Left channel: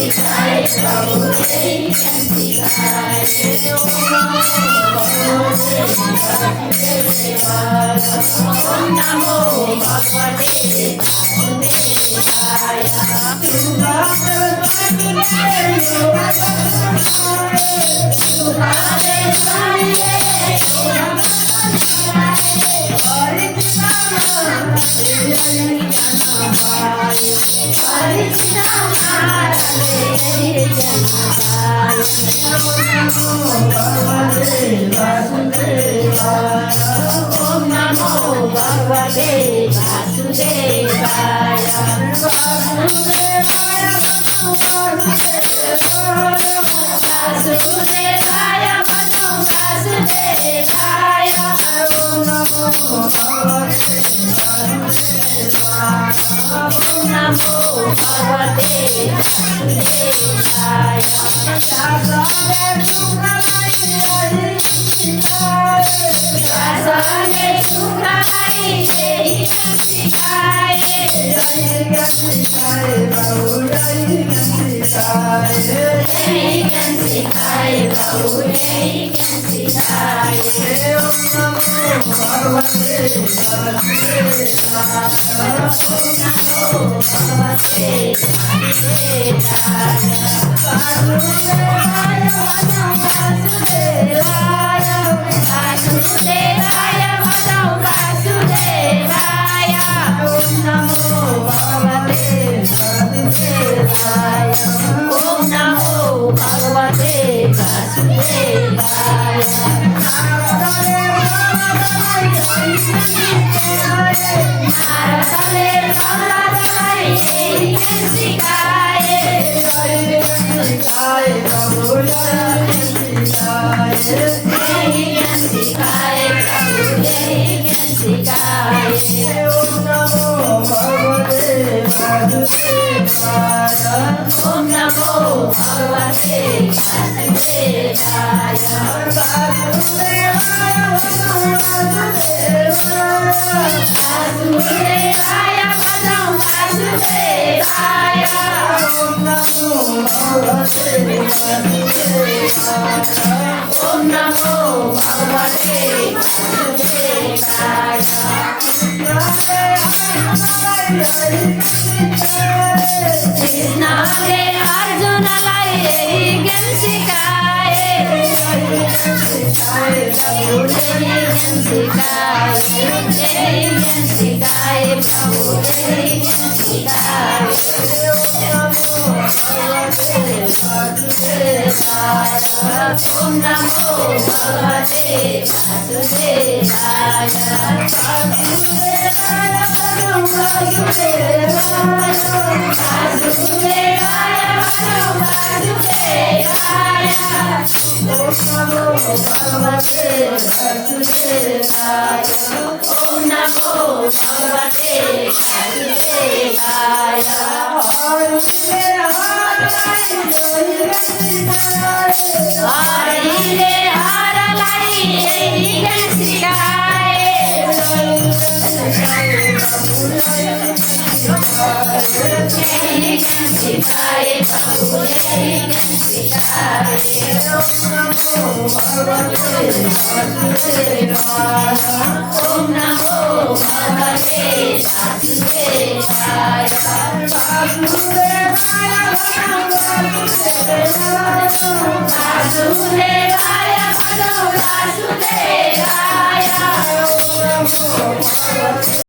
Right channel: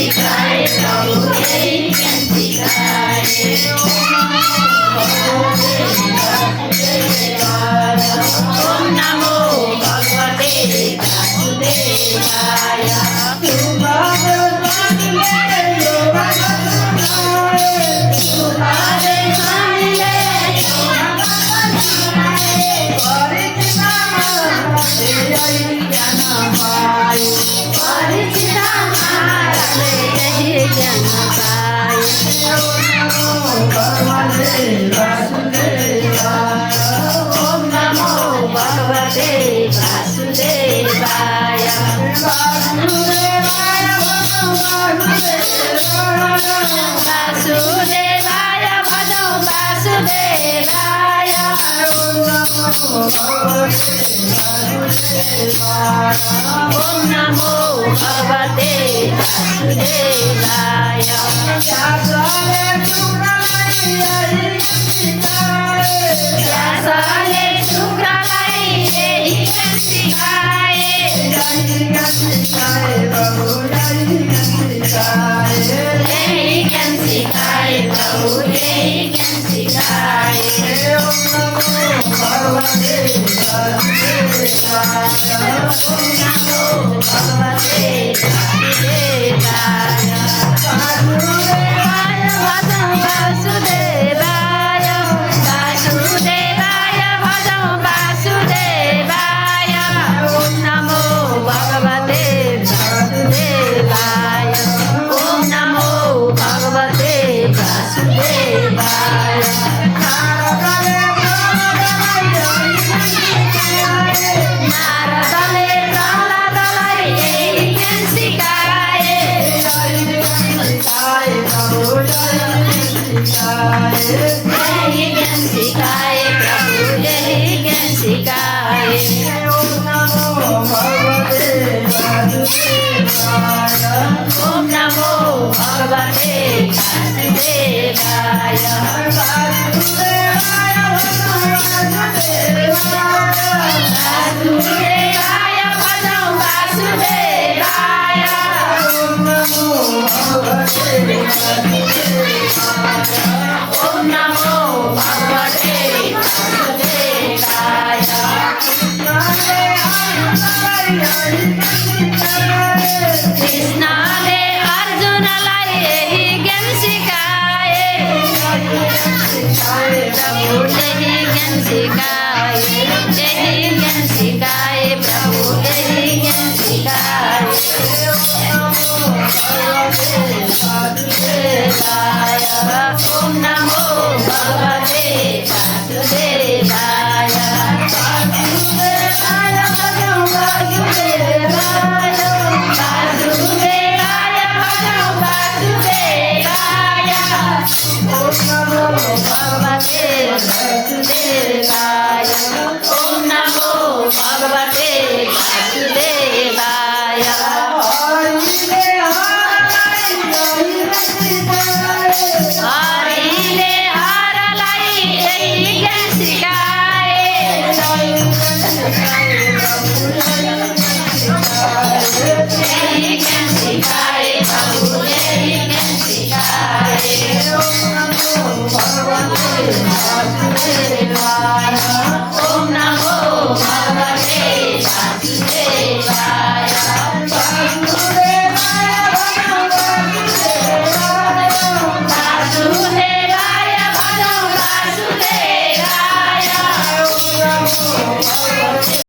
सिकाए प्रभु यही ज्ञान सिकाए। ओम नमो भगवते वासुदेवाय। ओम नमो भगवते वासुदेवाय। वासुदेवाय भजो वासुदेवाय। ओम नमो भगवते वासुदेवाय। व्यासले शुक्रलाई यही ज्ञान सिकाए। यही ज्ञान सिकाए प्रभु यही ज्ञान सिकाए प्रभु यही ज्ञान सिकाए। ओम नमो भगवते वासुदेवाय। वासुदेवाय भजो वासुदेवाय। वासुदेवाय भजो वासुदेवाय। ओम नमो भगवते वासुदेवाय। ओम नमो भगवते वासुदेवाय। नारदले प्रह्लादलाई यही ज्ञान सिकाए। यही ज्ञान सिकाए प्रभु यही ज्ञान सिकाए। ओम नमो भगवते वासुदेवाय। ओम नमो भगवते वासुदेवाय। वासुदेवाय भजो वासुदेवाय। ओम नमो भगवते वासुदेवाय। ओम नमो भगवते वासुदेवाय। कृष्णले अर्जुनलाई यही ज्ञान सिकाए। प्रभु यही ज्ञान सिकाए। यही ज्ञान सिकाए प्रभु यही ज्ञान सिकाए। ओम नमो भगवते वासुदेवाय। वासुदेवाय भजो वासुदेवाय। वासुदेवाय भजो वासुदेवाय। ओम नमो भगवते वासुदेवाय। ओम नमो भगवते वासुदेवाय। हरिले हरलाई यही ज्ञान सिकाए। यही ज्ञान सिकाए प्रभु यही ज्ञान सिकाए। ओम नमो भगवते वासुदेवाय। ओम नमो भगवते वासुदेवाय। वासुदेवाय